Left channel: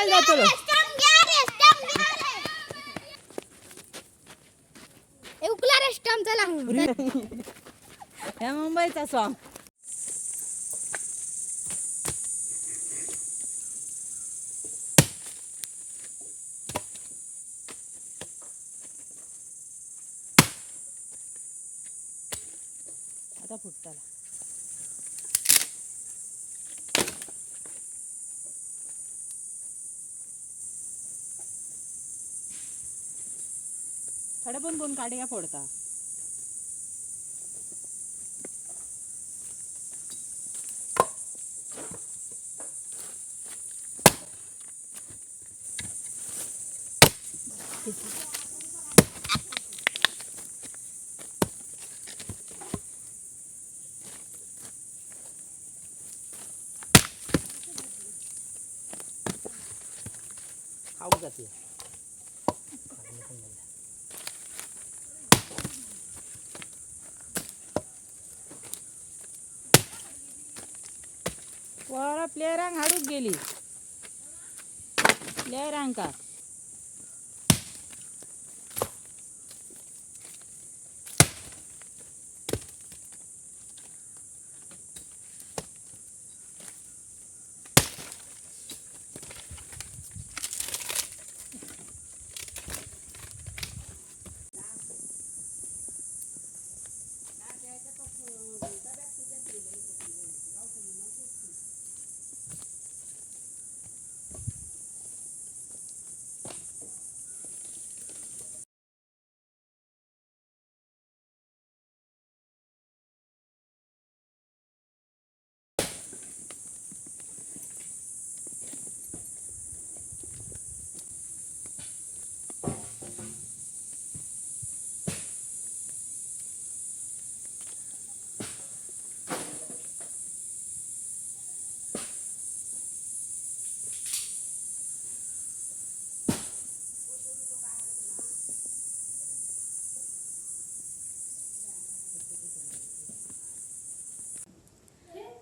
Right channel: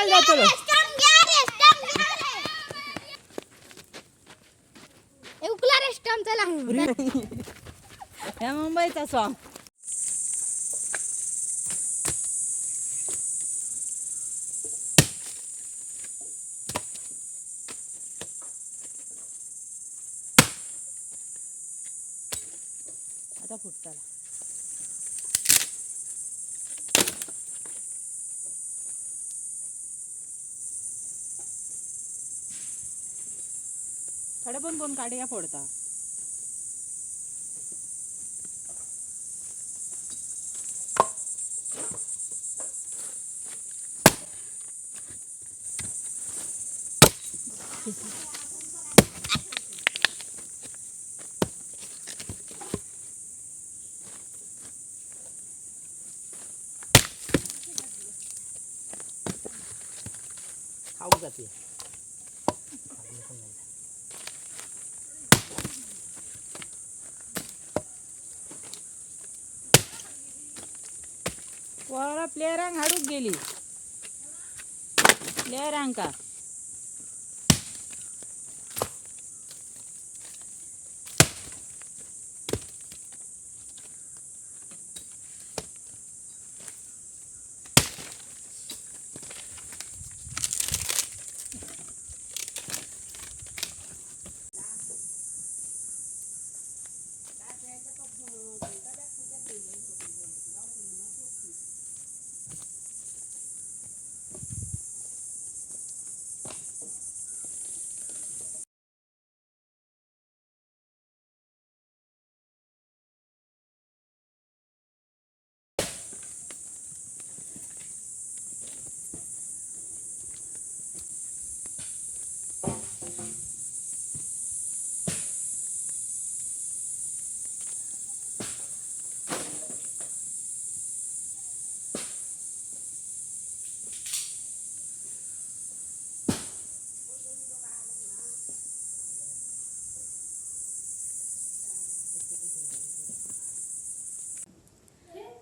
जेवायला जातो उकला रेस्टॉरंट चला. या मुंबईचा सॉंग आता फुटताला. थोडे पण कोण काढ्या फोडता खाऊ जाते वर प्लेयरांक हाडूक गेली. प्लेयरांका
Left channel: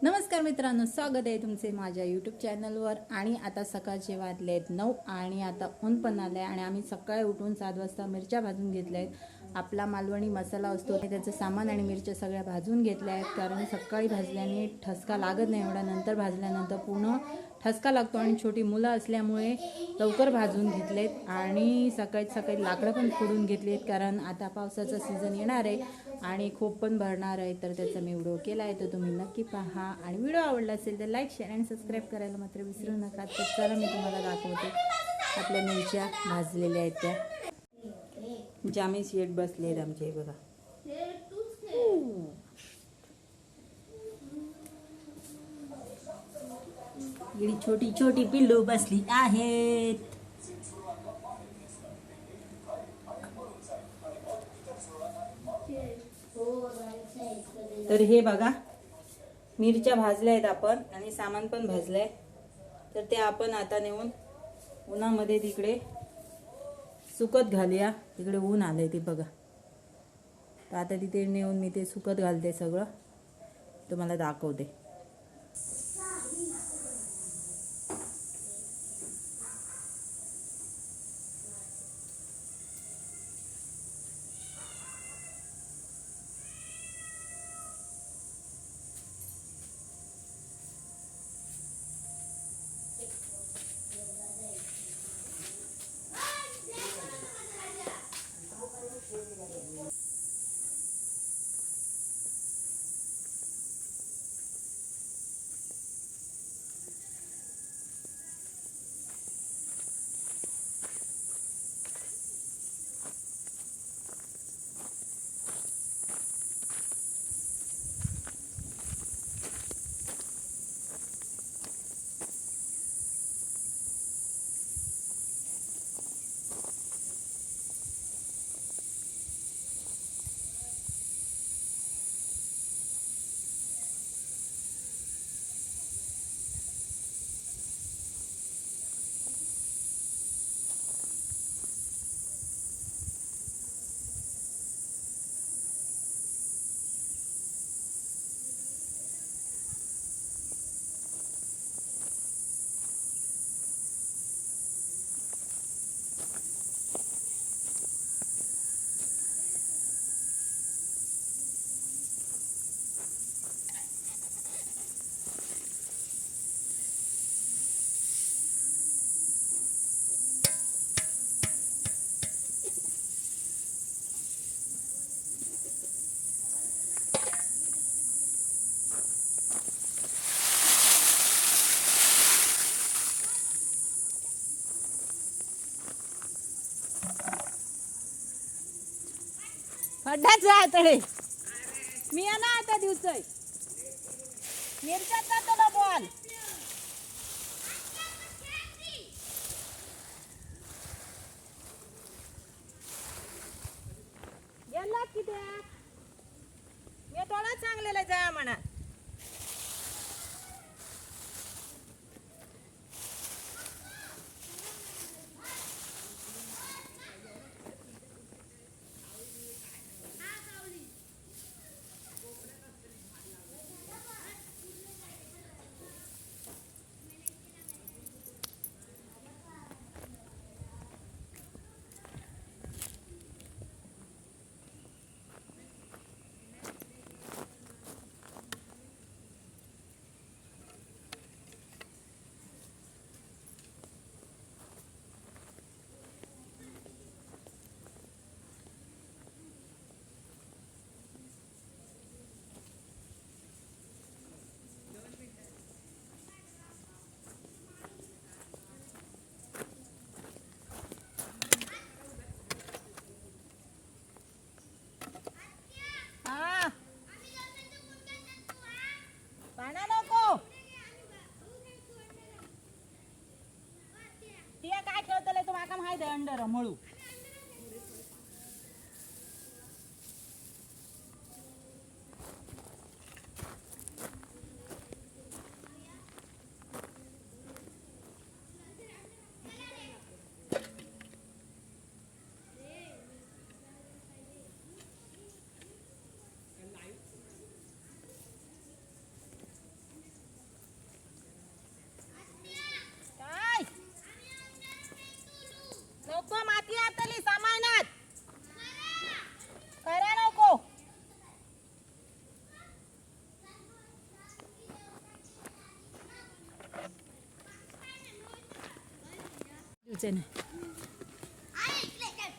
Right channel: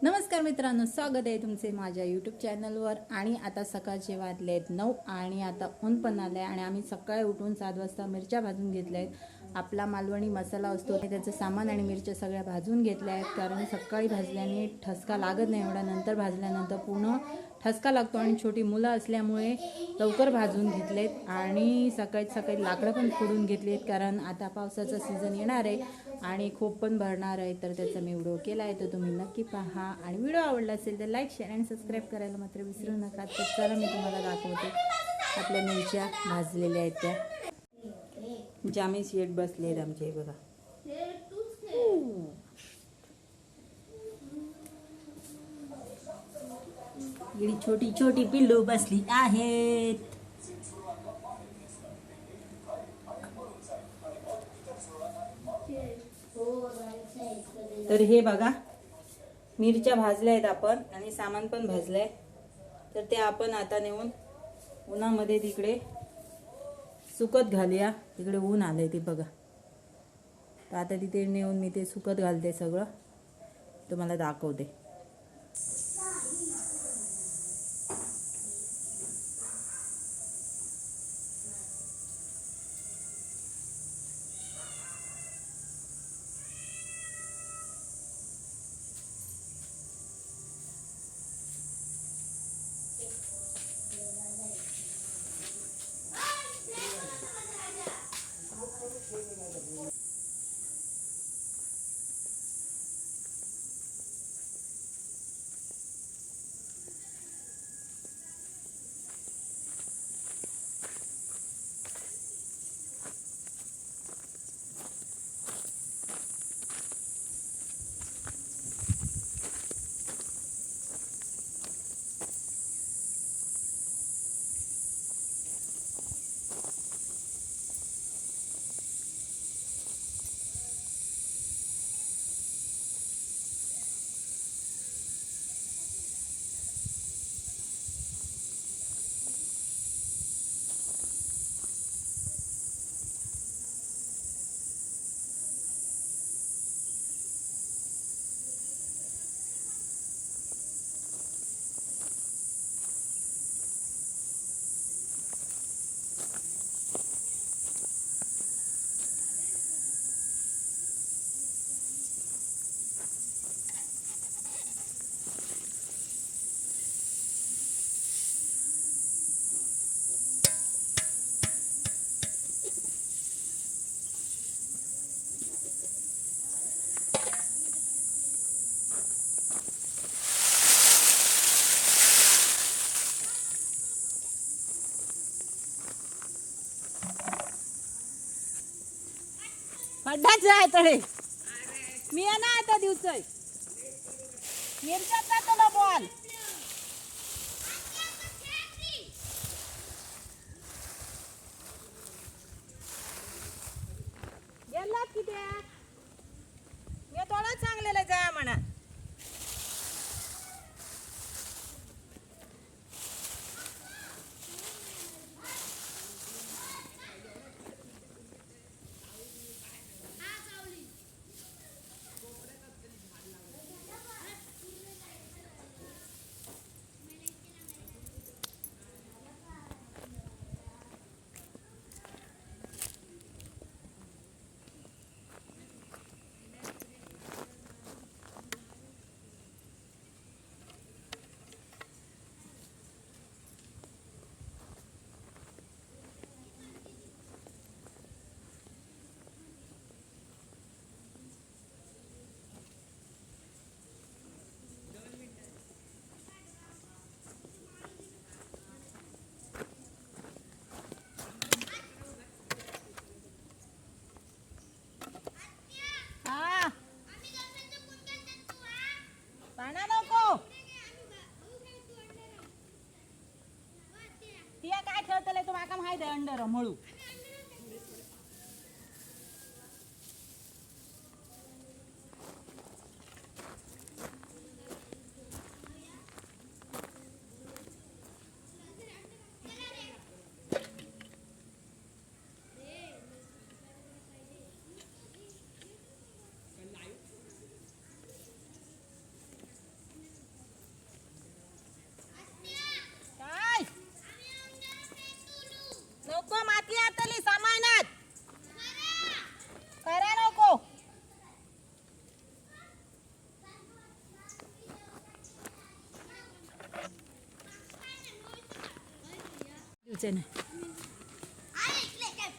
नमस्कार मित्रांनो स्वागत आहे तुमचे माझ्या यूट्यूब चॅनलवर आणि आता सकाळचे वाजले आहेत नऊ आणि आता ऊन पण आलं आहे आणि आम्ही सकाळी उठून सात वाजता मिरच्या भाजून घेतल्या आहेत. आपला मालवणी मसाला असतो त्याचं सामान आणि मिरच्या सगळ्या भाजून घेतल्या आहेत. कारण सकाळी भाजल्याने ठसका लागत नाही एवढा. नंतर भाजल्यानंतर पूर्ण ठसका लागतो आणि छोटी मुलं असल्यामुळे लवकर भाजून घेतलेत. आणि सकाळी सकाळी लाकडं पण फोडून घेतलीत कारण आता पावसाचा सीझन येणार आहे. आणि खूप पण भरणार आहे तर त्याचा मी व्हिडिओ केला आहे तर तुम्ही नक्की पहा. आणि व्हिडिओ आवडला असेल तर लाईक शेअर आणि सबस्क्राईब करायला मात्र विसरू नका. तर चला मी तुम्हाला दाखवते आपल्या मिरच्या भाजलेल्या आहेत त्या. जामी शेट बसले आहेत आमचे बघा. इकडे छोटी छोटी पिल्लू बसली आहेत. तर हे बघा मिरच्या भाजल्या आहेत आपण आणि सामान पण भाजलंय. तर ते आपण आता नेऊन उन्हामध्ये तिकडे सुकत घालूया. तिकडे ऊन आलंय ते बघा. तर आता तिथे नेऊन मी ते सुकत घालते सगळं. तुम्हाला दाखवते. खड्डाच आहे मी आहे ना आता दिवसय मिरच्या અંદર રમણું.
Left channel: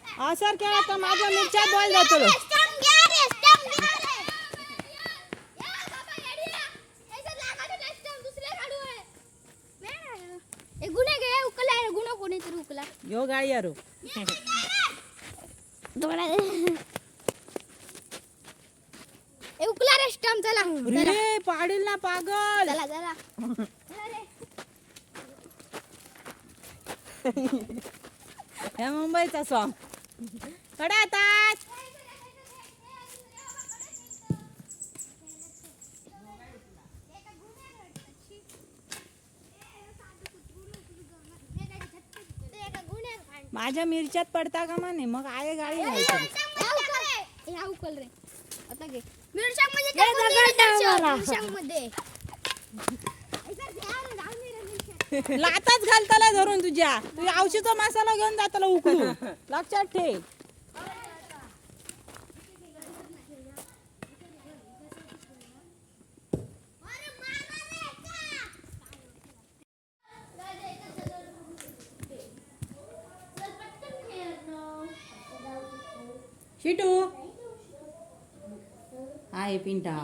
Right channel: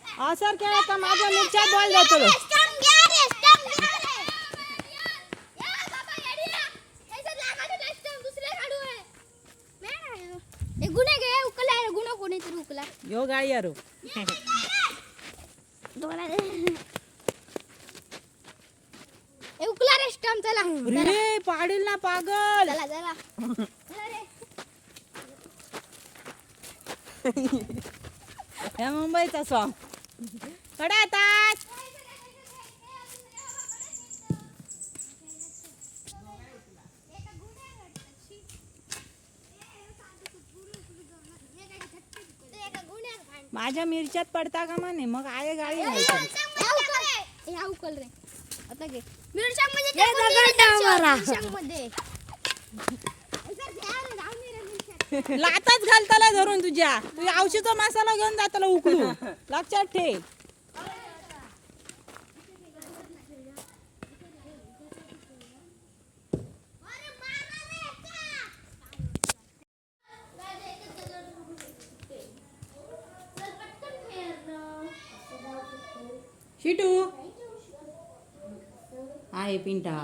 हा सर काय आता माझ्या मिरच्या बॉल जातो यो गाय यारो उकला रे स्टम चला. रे पाडील ना पागल. चला चला चला रे या मुंबईचा सॉंग कडा आता. माझ्या मिरच्यात पडता का माने? मग आहे गाडी घ्यायची लाताच घालताला धरून तुझ्या. तू औषधचा मसाला घेऊन जाताला उकळू लक्षात ठेव. शिटू. आहे पिंटा.